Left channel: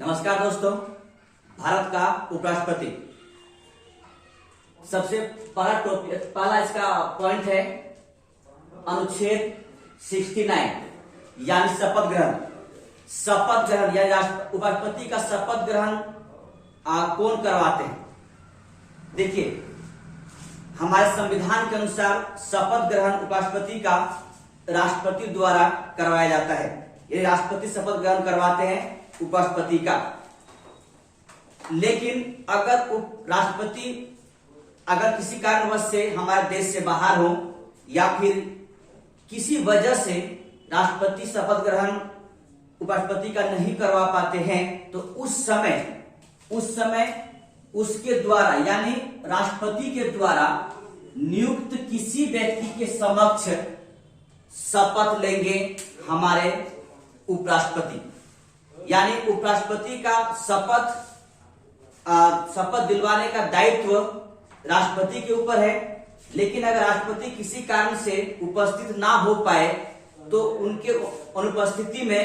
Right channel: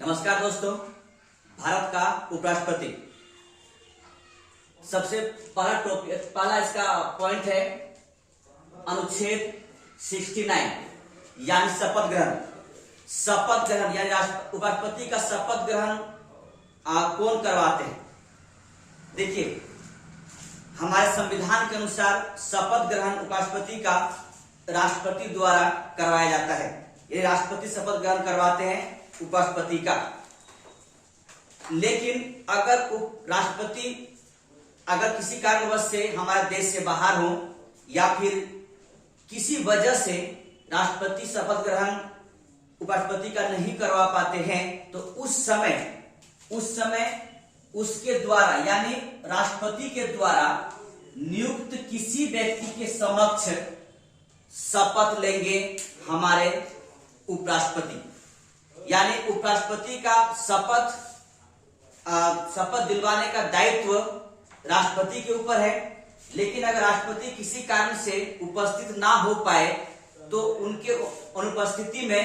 नमस्कार दोस्तों। भारत का उपराष्ट्रपति सबसे पहला इसका पॉइंट है अनुच्छेद 69 यानी शपथ ग्रहण यानी उपराष्ट्रपति का शपथ ग्रहण कौन करवाते हैं। देखिए, हमारे संविधान के अनुसार शपथ ग्रहण उपराष्ट्रपति का राष्ट्रपति द्वारा करवाया जाता है। ये राष्ट्रपति शपथ ग्रहण करवाते हैं उपराष्ट्रपति का। लेकिन अगर राष्ट्रपति अगर किसी कारणवश से हमारे देश से बाहर हो या फिर किसी वजह से राष्ट्रपति शपथ ग्रहण उपराष्ट्रपति का नहीं करवा पाते हैं तो उस समय उसके द्वारा यानी राष्ट्रपति के द्वारा नियुक्त किसी व्यक्ति के समक्ष शपथ लेंगे हमारे उपराष्ट्रपति। यानी उपराष्ट्रपति का शपथ दिलवाने का दायित्व राष्ट्रपति के ऊपर है। लेकिन अगर राष्ट्रपति किसी कारण से उपस्थित ना हो पाए तो उनके अनुपस्थिति में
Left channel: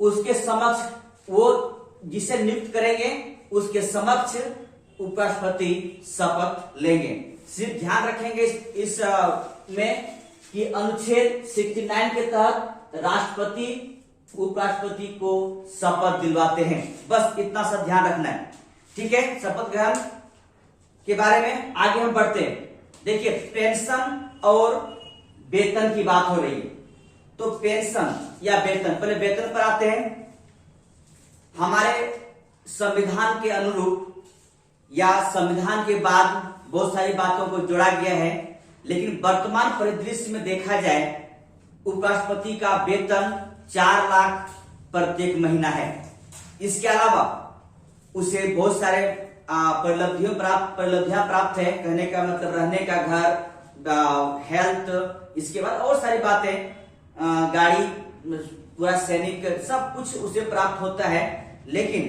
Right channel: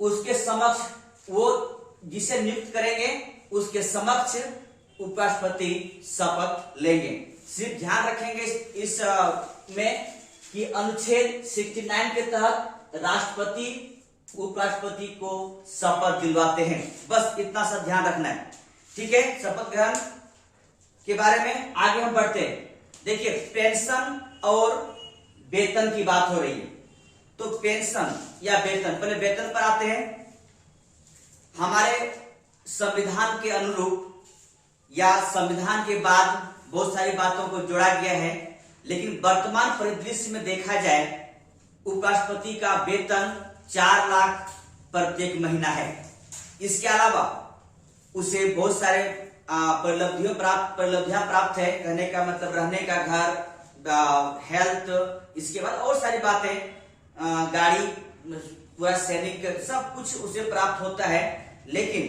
उसके समक्ष वो जिसे नियुक्त करेंगे उसके समक्ष उपराष्ट्रपति शपथ लेंगे। सिर्फ ध्यान रखेंगे इस में कि अनुच्छेद 69 के तहत राष्ट्रपति उपराष्ट्रपति को शपथ दिलवाते हैं। बस इतना सा ध्यान रखना है, ठीक है। शपथ ग्रहण के बारे में आगे हम बढ़ते हैं। देखिए, पेंशन और वेतन की बात हो रही है तो पेंशन या वेतन, पहले वेतन पर आते हैं। हमारे संविधान के अनुरूप या संविधान के बाद बहुत सारी बातों को जोड़ा गया है, लेकिन वर्तमान परिदृश्य में देखा जाए उपराष्ट्रपति का वेतन 4 लाख प्रत्येक महीना है। इसके अलावा उसे बहुत सारे परिलब्धियां प्राप्त है। कहने का मतलब रहने का घर, हेल्थ, इसके बाद और सारी बातें, गाड़ी, पूरा सैनिक, सब कुछ उसे प्राप्त होता है। लेकिन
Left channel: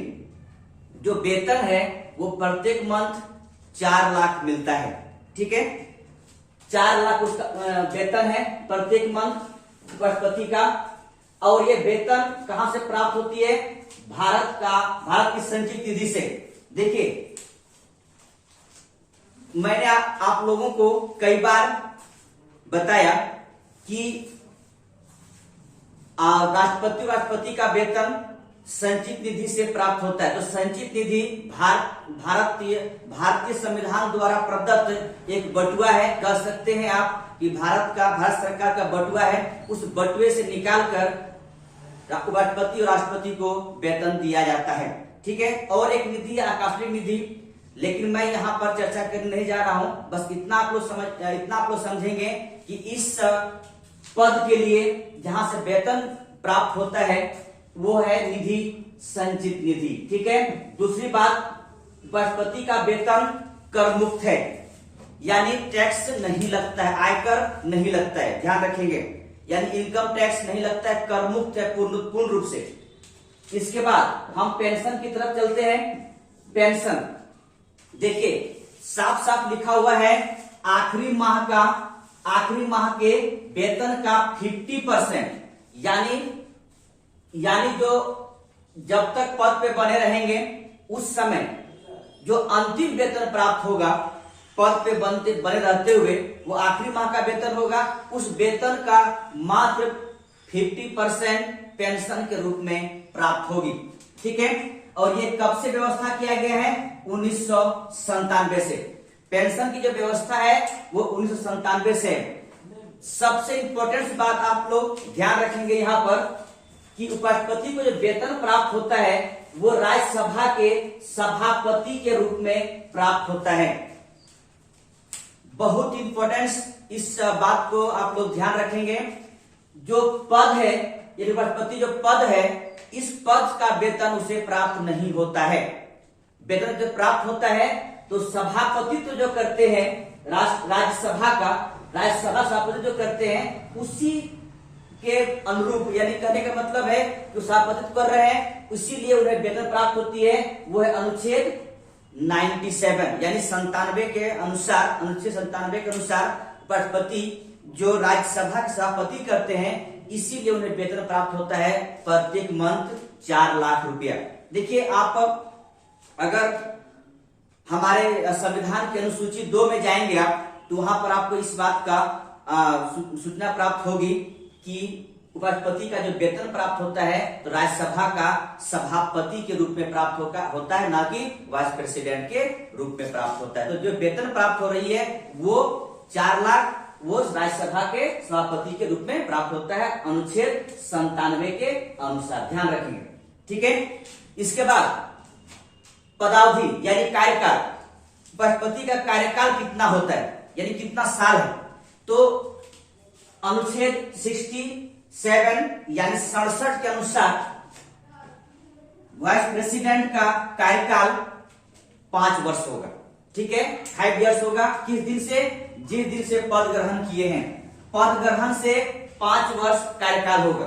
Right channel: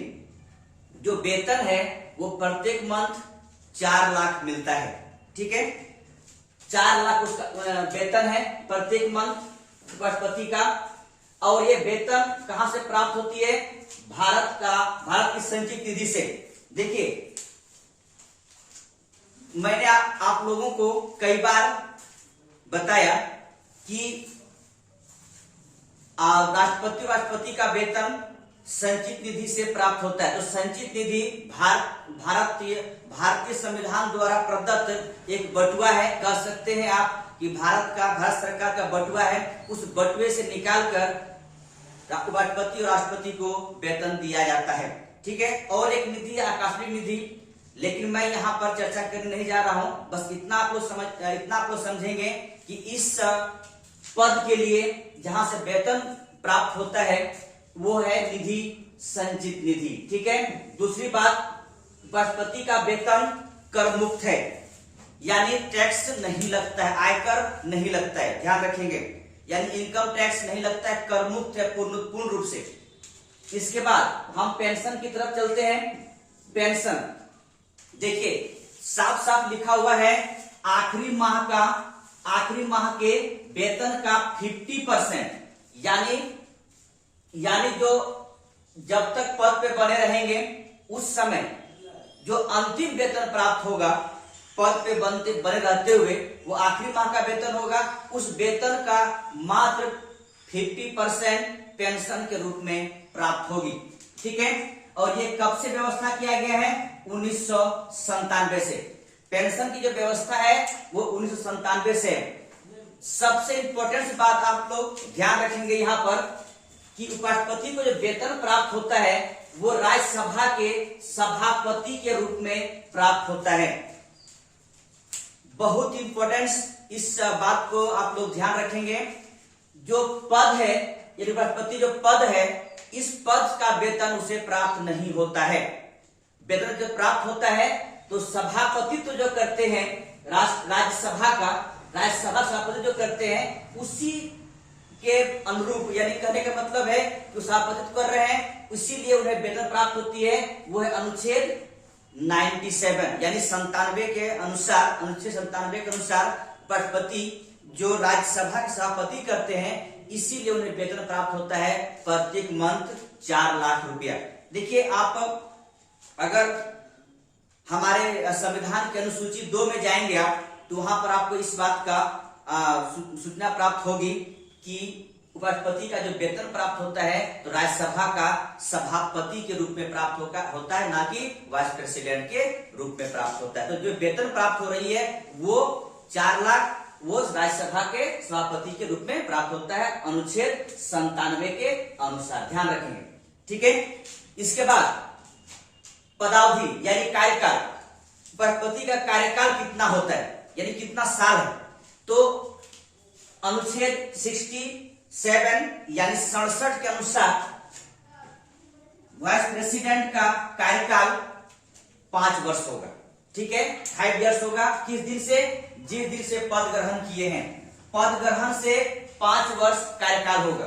जो वेतन है वो प्रत्येक मंथ 4 लाख मिलता है, ठीक है। 4 लाख उसका वेतन है प्रत्येक मंथ उपराष्ट्रपति का। और ये वेतन कहां से प्राप्त होती है? भारत की संचित निधि से। देखिए, मैंने आप लोगों को कई बार बताया कि राष्ट्रपति का वेतन संचित निधि से प्राप्त होता है। तो संचित निधि भारतीय संविधान द्वारा प्रदत्त एक बटुआ है, कह सकते हैं आप कि भारत सरकार का बटुआ है। उस बटुए से निकालकर उपराष्ट्रपति और राष्ट्रपति को वेतन दिया जाता है, ठीक है। और एक निधि है आकस्मिक निधि, लेकिन मैं यहाँ पर चर्चा करने नहीं जा रहा हूं। बस इतना आप लोग समझेंगे कि इस पद के लिए जहां से वेतन प्राप्त होता है वो है निधि संचित निधि, ठीक है। दूसरी बात, उपराष्ट्रपति का वेतन कर मुक्त है, यानी टैक्स नहीं लगता है, आयकर नहीं लगता है, ध्यान रखेंगे। यानी इनकम टैक्स नहीं लगता है, कर मुक्त है पूर्ण रूप से। इसके बाद हम पेंशन की तरफ चलते हैं। पेंशन देखिए, साफ साफ लिखा हुआ है आखिरी माह के वेतन का 50%, यानी जो जब तक पद पे बने रहेंगे उस समय जो अंतिम वेतन प्राप्त होगा पद पे बने रहते हुए, वो आखिरी माह का वेतन होगा। उस वेतन का मात्र 50% पेंशन के रूप में प्राप्त होगी, ठीक है। और ये कब से व्यवस्था किया गया है? 1997 से। पेंशन की जो व्यवस्था है वो 1997 से है। सबसे इंपॉर्टेंट बात आप लोग ध्यान रखेंगे यहाँ पर कि उपराष्ट्रपति को जो वेतन प्राप्त होता है वो राज्यसभा के सभापति के रूप में प्राप्त होता है। बहुत इंपॉर्टेंट इस बात को आप लोग ध्यान रखेंगे। जो पद है, ये उपराष्ट्रपति जो पद है, इस पद का वेतन उसे प्राप्त नहीं होता है। वेतन जो प्राप्त होता है तो सभापतित्व जो करते हैं राज्यसभा सभापति जो करते हैं उसी के अनुरूप, यानी कहने का मतलब है कि सभापतित्व कर रहे हैं, इसीलिए उन्हें वेतन प्राप्त होती है। वो है अनुच्छेद 97 यानी 97 के अनुसार, अनुच्छेद 97 के अनुसार उपराष्ट्रपति जो राज्यसभा के सभापति करते हैं, इसीलिए उन्हें वेतन प्राप्त होता है प्रत्येक मंथ 4 लाख रुपया। देखिए, आप अगर हमारे संविधान के अनुसूची 2 में जाएंगे आप, तो वहां पर आपको इस बात का सूचना प्राप्त होगी कि उपराष्ट्रपति का जो वेतन प्राप्त होता है तो राज्यसभा का सभापति के रूप में प्राप्त होता है, ना कि वाइस प्रेसिडेंट के रूप में प्राप्त होता है। तो जो वेतन प्राप्त हो रही है वो 4 लाख वो राज्यसभा के सभापति के रूप में प्राप्त होता है, अनुच्छेद 97 के अनुसार, ध्यान रखेंगे। ठीक है, इसके बाद पदावधि यानी कार्यकाल, उपराष्ट्रपति का कार्यकाल कितना होता है यानी कितना साल है, तो अनुच्छेद 67 यानी 67 के अनुसार वाइस प्रेसिडेंट का कार्यकाल 5 वर्ष होगा। ठीक है, 5 इयर्स होगा। किस दिन से? जिस दिन से पद ग्रहण किए हैं, पद ग्रहण से 5 वर्ष कार्यकाल होगा।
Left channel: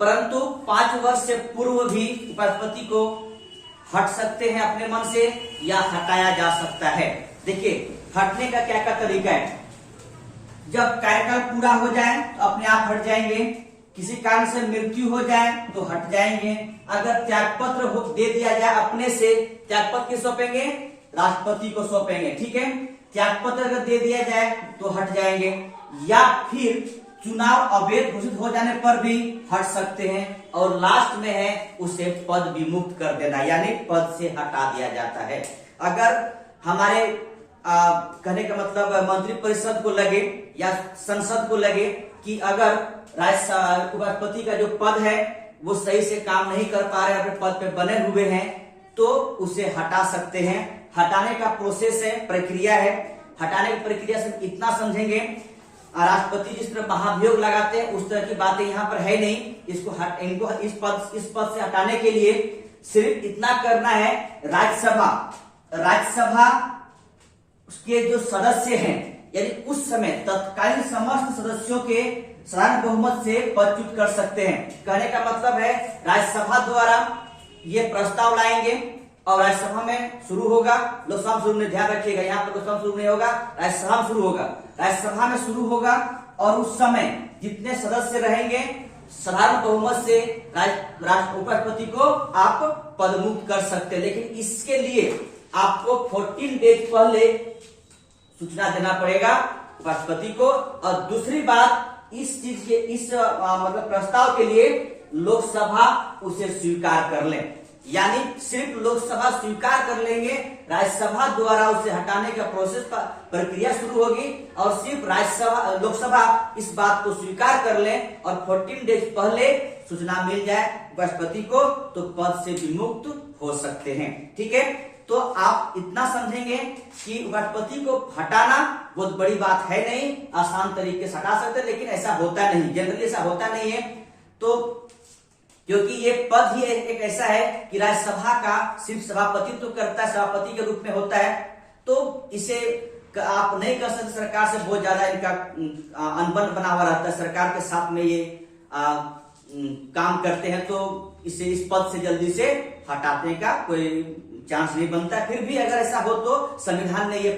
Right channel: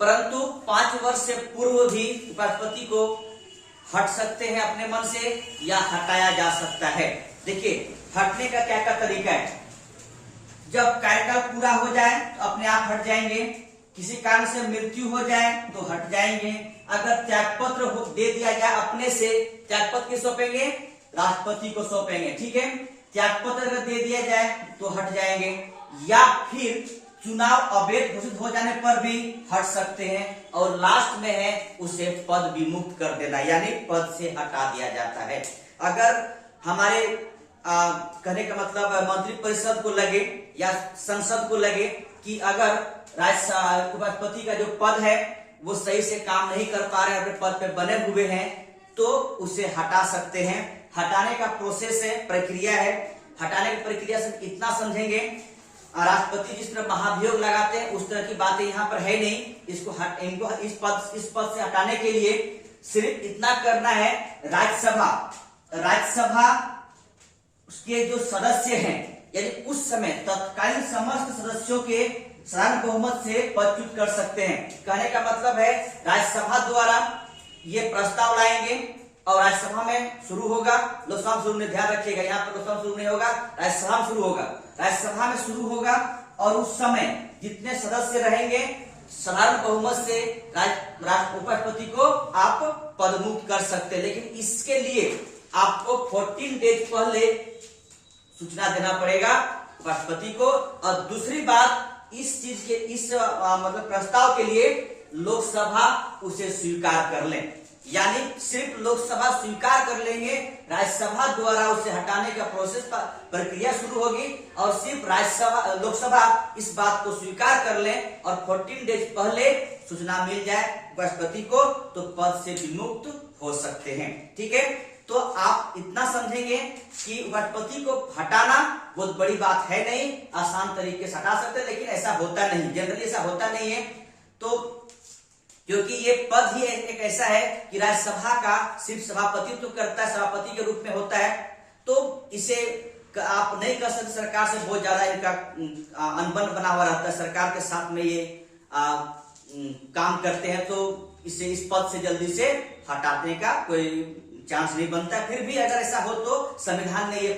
परंतु 5 वर्ष से पूर्व भी उपराष्ट्रपति को हट सकते हैं अपने मन से, या हटाया जा सकता है। देखिए, हटने का क्या तरीका है। जब कार्यकाल पूरा हो जाए तो अपने आप हट जाएंगे, किसी कारण से मृत्यु हो जाए तो हट जाएंगे। अगर त्यागपत्र दे दिया जाए अपने से, त्यागपत्र किस सौंपेंगे? राष्ट्रपति को सौंपेंगे। ठीक है, त्यागपत्र अगर दे दिया जाए तो हट जाएंगे, या फिर चुनाव अवैध घोषित हो जाने पर भी हट सकते हैं। और लास्ट में है उसे पद विमुक्त कर देना, यानी पद से हटा दिया जाता है। अगर हमारे कहने का मतलब मंत्रिपरिषद को लगे या संसद को लगे कि अगर उपराष्ट्रपति का जो पद है वो सही से काम नहीं कर पा रहे, अपने पद पे बने हुए हैं, तो उसे हटा सकते हैं। हटाने का प्रोसेस है, प्रक्रिया है। हटाने की प्रक्रिया से इतना समझेंगे, राष्ट्रपति जिस तरह महाभियोग लगाते हैं उस तरह की बातें यहाँ पर है नहीं। इनको इस पद से हटाने के लिए सिर्फ इतना करना है, राज्यसभा उसके जो सदस्य हैं, यानी उस समय तत्कालीन समस्त सदस्यों के साधारण बहुमत से पदच्युत कर सकते हैं। कहने का मतलब है राज्यसभा द्वारा ये प्रस्ताव लाएंगे और राज्यसभा में शुरू होगा, लोकसभा में शुरू नहीं, ध्यान रखिएगा, यहाँ पर लोकसभा में शुरू नहीं होगा, राज्यसभा में शुरू होगा। राज्यसभा में शुरू होगा और उस समय जितने सदस्य रहेंगे साधारण बहुमत से उपराष्ट्रपति को आप पदमुक्त कर सकते हैं। लेकिन इसके लिए आपको 14 डेज पहले सूचना देना पड़ेगा उपराष्ट्रपति को। और दूसरी बात, इस चीज के मतलब प्रस्ताव के लिए लोकसभा उसे स्वीकार कर ले, यानी सिर्फ लोकसभा स्वीकार कर लेंगे, राज्यसभा द्वारा उसे हटाने का प्रोसेस प्रक्रिया शुरू होगी और सिर्फ लोकसभा इस बात को स्वीकार कर ले और 14 डेज पहले सूचना मिल जाए उपराष्ट्रपति को, तो पद से विमुक्त हो सकते हैं। ठीक है, तो आप इतना समझेंगे कि उपराष्ट्रपति को हटाना बहुत बड़ी बात है नहीं, आसान तरीके से हटा सकते हैं, लेकिन ऐसा होता नहीं, जनरली ऐसा होता नहीं है। तो क्योंकि ये पद ही एक ऐसा है कि राज्यसभा का सिर्फ सभापतित्व करता है, सभापति के रूप में होता है, तो इसे आप नहीं कर सकते। सरकार से बहुत ज्यादा इनका अनबन बना हुआ रहता है, सरकार के साथ में ये काम करते हैं, तो इसे इस पद से जल्दी से हटाने का कोई चांस नहीं बनता। फिर भी अगर ऐसा हो तो संविधान ने ये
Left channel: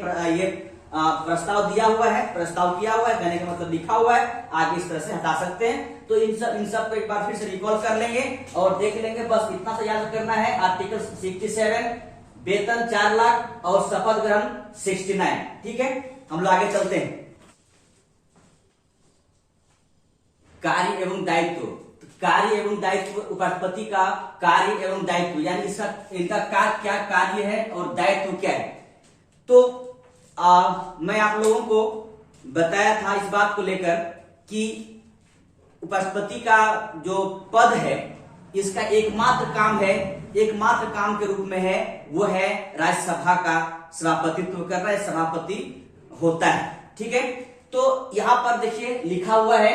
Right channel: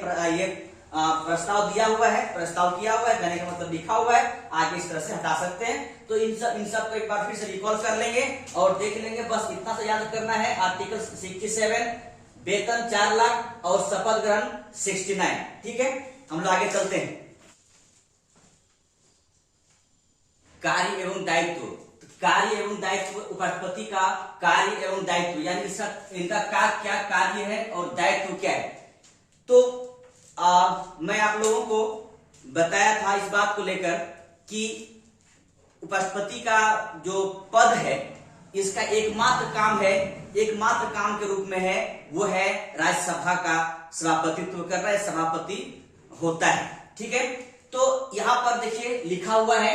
प्रस्ताव दिया हुआ है, प्रस्ताव किया हुआ है, कहने का मतलब लिखा हुआ है, आगे इस तरह से हटा सकते हैं। तो इन सब को एक बार फिर से रिकॉल कर लेंगे और देख लेंगे। बस इतना सा याद करना है, आर्टिकल 67 वेतन 4 लाख और शपथ ग्रहण 69। ठीक है, हम लोग आगे चलते हैं। कार्य एवं दायित्व, कार्य एवं दायित्व, उपराष्ट्रपति का कार्य एवं दायित्व, यानी इनका क्या कार्य है और दायित्व क्या है। तो मैं आप लोगों को बताया था इस बात को लेकर कि उपराष्ट्रपति का जो पद है इसका एकमात्र काम के रूप में है, वो है राज्यसभा का सभापतित्व कर रहा है, सभापति होता है। ठीक है, तो यहां पर देखिए लिखा हुआ है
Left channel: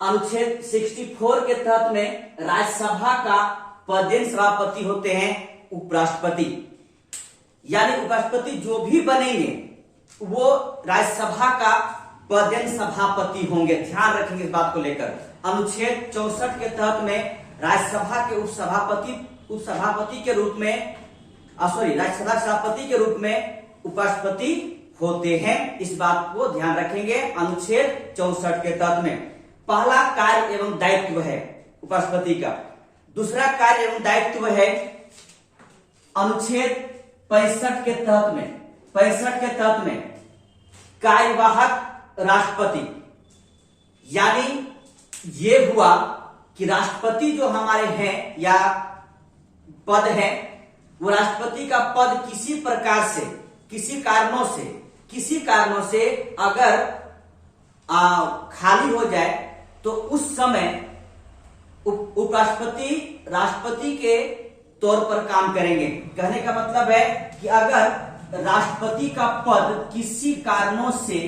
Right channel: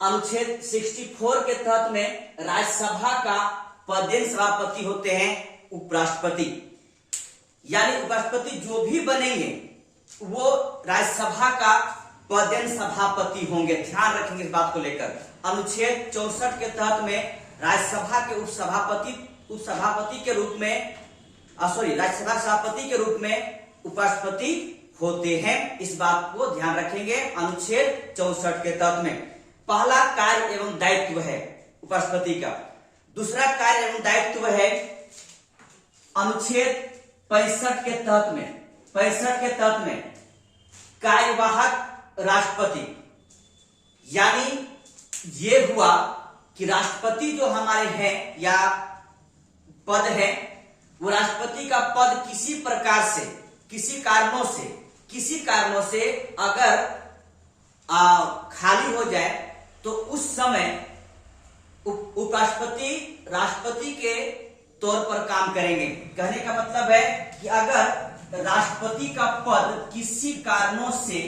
अनुच्छेद 64 के तहत में राज्यसभा का पदेन सभापति होते हैं उपराष्ट्रपति, यानी उपराष्ट्रपति जो भी बनेंगे वो राज्यसभा का पदेन सभापति होंगे। ध्यान रखेंगे इस बात को लेकर। अनुच्छेद 64 के तहत में राज्यसभा के उपसभापति के रूप में राज्यसभा सभापति के रूप में उपराष्ट्रपति होते हैं। इस बात को ध्यान रखेंगे अनुच्छेद 64 के तहत में। पहला कार्य एवं दायित्व है उपराष्ट्रपति का, दूसरा कार्य एवं दायित्व है अनुच्छेद 65 के तहत में कार्यवाहक राष्ट्रपति, यानी ये हुआ कि राष्ट्रपति जो हमारे हैं या पद है, वो राष्ट्रपति का पद किसी प्रकार से, किसी कारणों से अगर खाली हो जाए तो उस समय उपराष्ट्रपति राष्ट्रपति के तौर पर काम करेंगे। कहने का मतलब है कि अगर राष्ट्रपति का पद किसी कारणों से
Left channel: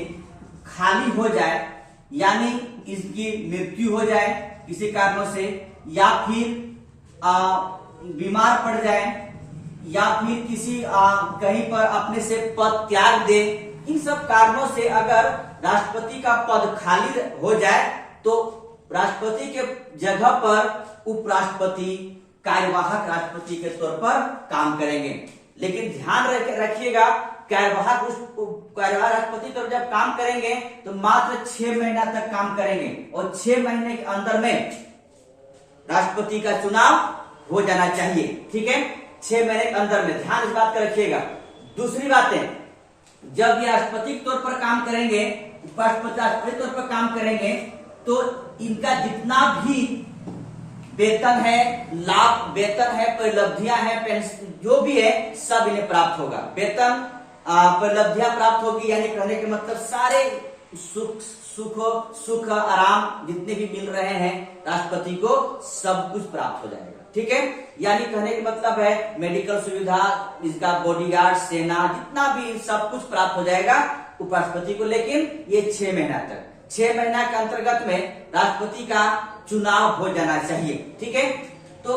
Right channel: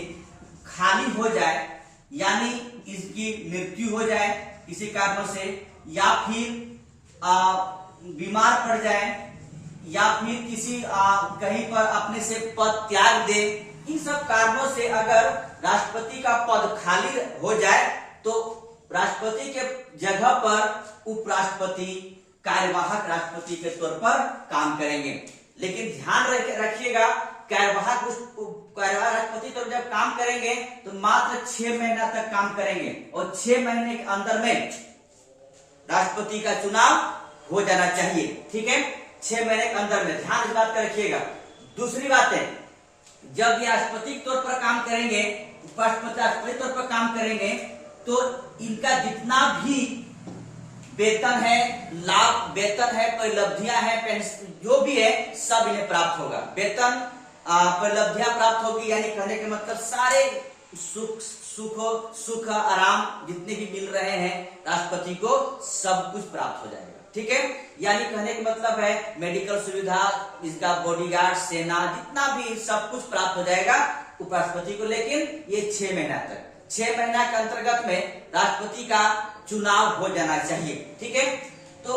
खाली हो जाए, यानी इसकी मृत्यु हो जाए किसी कारणों से, या फिर बीमार पड़ जाए, या फिर किसी कहीं पर अपने से पद त्याग दे, इन सब कारणों से अगर राष्ट्रपति का पद खाली हो जाए तो राष्ट्रपति के जगह पर उपराष्ट्रपति कार्यवाहक राष्ट्रपति के तौर पर काम करेंगे। लेकिन ध्यान रखिएगा, कार्यवाहक राष्ट्रपति तो जब काम करेंगे तो मात्र 6 महीना तक काम करेंगे और 6 महीने के अंदर में राष्ट्रपति का चुनाव हो जाना चाहिए। ठीक है, 6 महीने के अंदर में, ध्यान इस बात का रखिएगा। दूसरी बात है, जब ये राष्ट्रपति के तौर पर काम करेंगे, उपराष्ट्रपति राष्ट्रपति तौर पर काम करेंगे, तो इनका जितना भी वेतन है, लाभ, वेतन है, परिलब्धियां हैं, पेंशन जो भी है, सब इन्हें प्राप्त होगा। वेतन, परिलब्धियां प्राप्त होगी, यानी कहने के मतलब सारे सुख आराम जितने भी मिल रहे हैं राष्ट्रपति को, सब कुछ प्राप्त हो जाएगा। ठीक है, यानी कहने का मतलब है मेडिकल सुविधा, इसका बॉडीगार्ड, सेना, जितना भी सब कुछ प्राप्त हो जाएगा उपराष्ट्रपति को। लेकिन ये 6 महीना तक, 6 महीना के अंतर्गत में राष्ट्रपति का चुनाव हो जाना चाहिए। ठीक है, तो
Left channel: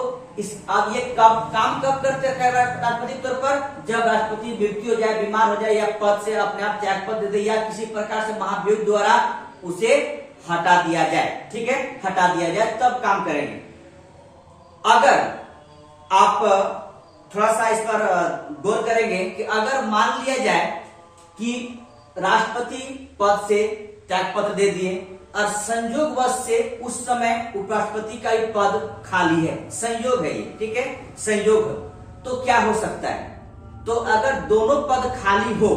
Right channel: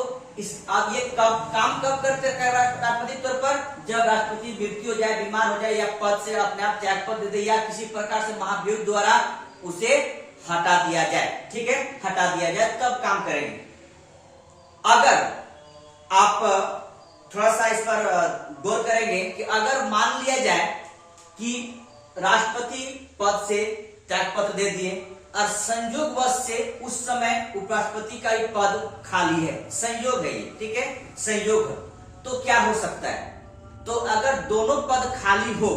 अब ये काम कब करते हैं राष्ट्रपति तौर पर? जब राष्ट्रपति मृत्यु हो जाए, बीमार हो जाए, या पद से अपने आप त्याग पद दे दे, या किसी प्रकार से महाभियोग द्वारा उसे हटा दिया जाए। ठीक है, हटा दिया जाए, तब काम करेंगे। अगर आप थोड़ा सा इस पर गौर करेंगे कि अगर मान लिया जाए कि राष्ट्रपति पद से त्यागपत्र दे दिए और संयोगवश से उस समय उपराष्ट्रपति का ही पद खाली है, संयोग है ये, ठीक है, संयोग, तो क्या हो सकता है? तो अगर दोनों पद खाली हो,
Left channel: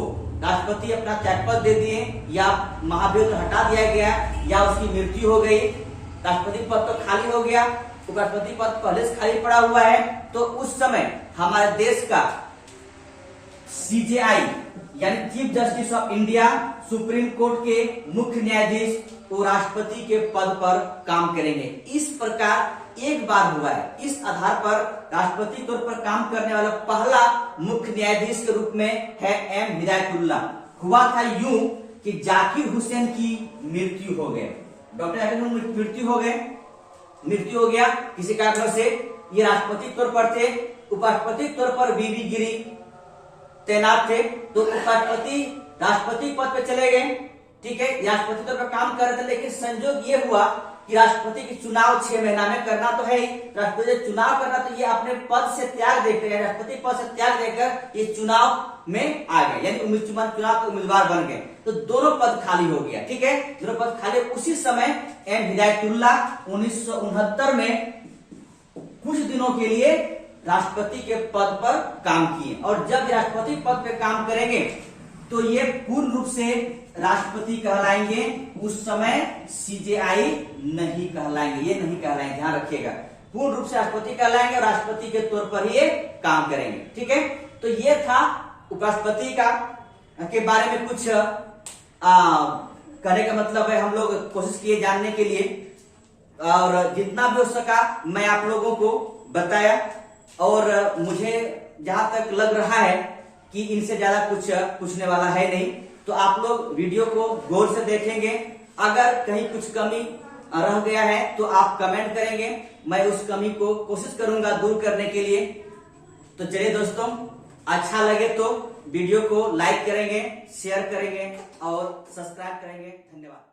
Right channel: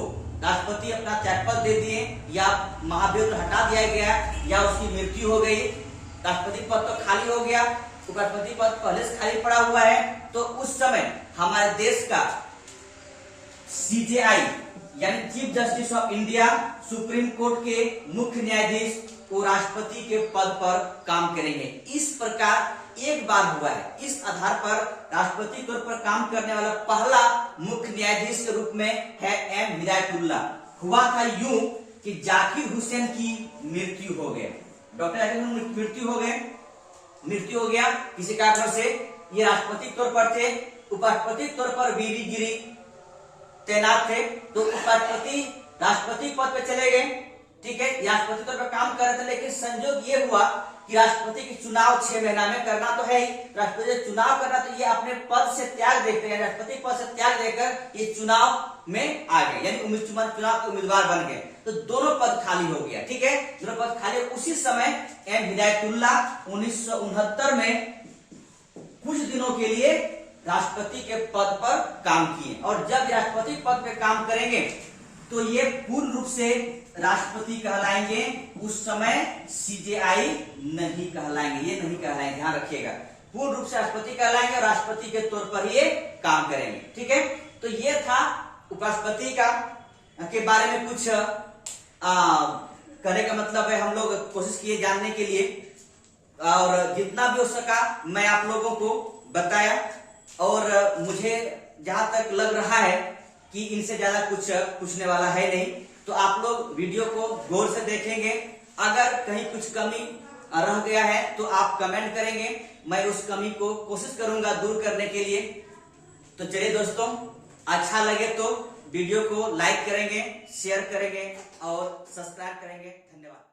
राष्ट्रपति अपना त्यागपत्र दे दिए, या महाभियोग हटा दिया गया, या उसकी मृत्यु हो गई, राष्ट्रपति पद तो खाली हो गया, उपराष्ट्रपति पद पहले से खाली पड़ा हुआ है, तो उस समय हमारे देश का CJI यानी chief justice of India, supreme court के मुख्य न्यायाधीश को राष्ट्रपति के पद पर काम करेंगे। इस प्रकार एक बार हुआ है। इस आधार पर राष्ट्रपति तौर पर काम करने वाला पहला मुख्य न्यायाधीश के रूप में है M हिदायतुल्लाह। हुआ था यूं कि जाकिर हुसैन की मृत्यु हो गई, डॉक्टर जाकिर हुसैन मृत्यु हो गया किसी कारण से। ये राष्ट्रपति तौर पर थे, उपराष्ट्रपति तौर पर बीबी गिरी तैनात थे, तो उपराष्ट्रपति राष्ट्रपति पद पे चले गए। ठीक है, राष्ट्रपति तौर पर काम कर रहे थे, लेकिन संयोग ये हुआ कि राष्ट्रपति की चुनाव 6 महीना में करना तो है ही, राष्ट्रपति चुनाव करना, तो ये अपने पद से त्याग देकर, राष्ट्रपति पद से त्याग देकर ये चुनाव में आ गए, यानी चुनाव के उम्मीदवार बन गए, तो दोनों पद खाली हो गया। ठीक है, दोनों पद खाली। उसी समय M हिदायतुल्लाह 1969 में कुछ दिनों के लिए राष्ट्रपति के पद पर काम किए, और जब राष्ट्रपति पद पे काम करेंगे तो ये पूर्ण रूप से राष्ट्रपति कहलाएंगे, उस समय CJI नहीं कहलाएंगे, ये नहीं कहलाएंगे, ध्यान रखिएगा, पूर्ण रूप से राष्ट्रपति कहलाएंगे और राष्ट्रपति के तौर पर ये काम करेंगे। ठीक है, तो ये था उपराष्ट्रपति का के बारे में कुछ करने का मतलब है, हम लोग कोशिश किए जानने के लिए, और जितना भी हो सका मैं आप लोगों को बताया, और मुझे जहां तक लग रहा है कि इनसे ज्यादा कुछ पूछने वाला है नहीं, तो आप लोग वीडियो को गौर से देखेंगे। अगर कहीं कुछ कमी रह गया है तो आप कमेंट करेंगे, मैं उस कमी को कोशिश करूंगा दूर करने के लिए। तो चलिए दोस्तों, अच्छा लगे तो वीडियो को लाइक करेंगे, शेयर करेंगे और सब्सक्राइब करेंगे। धन्यवाद।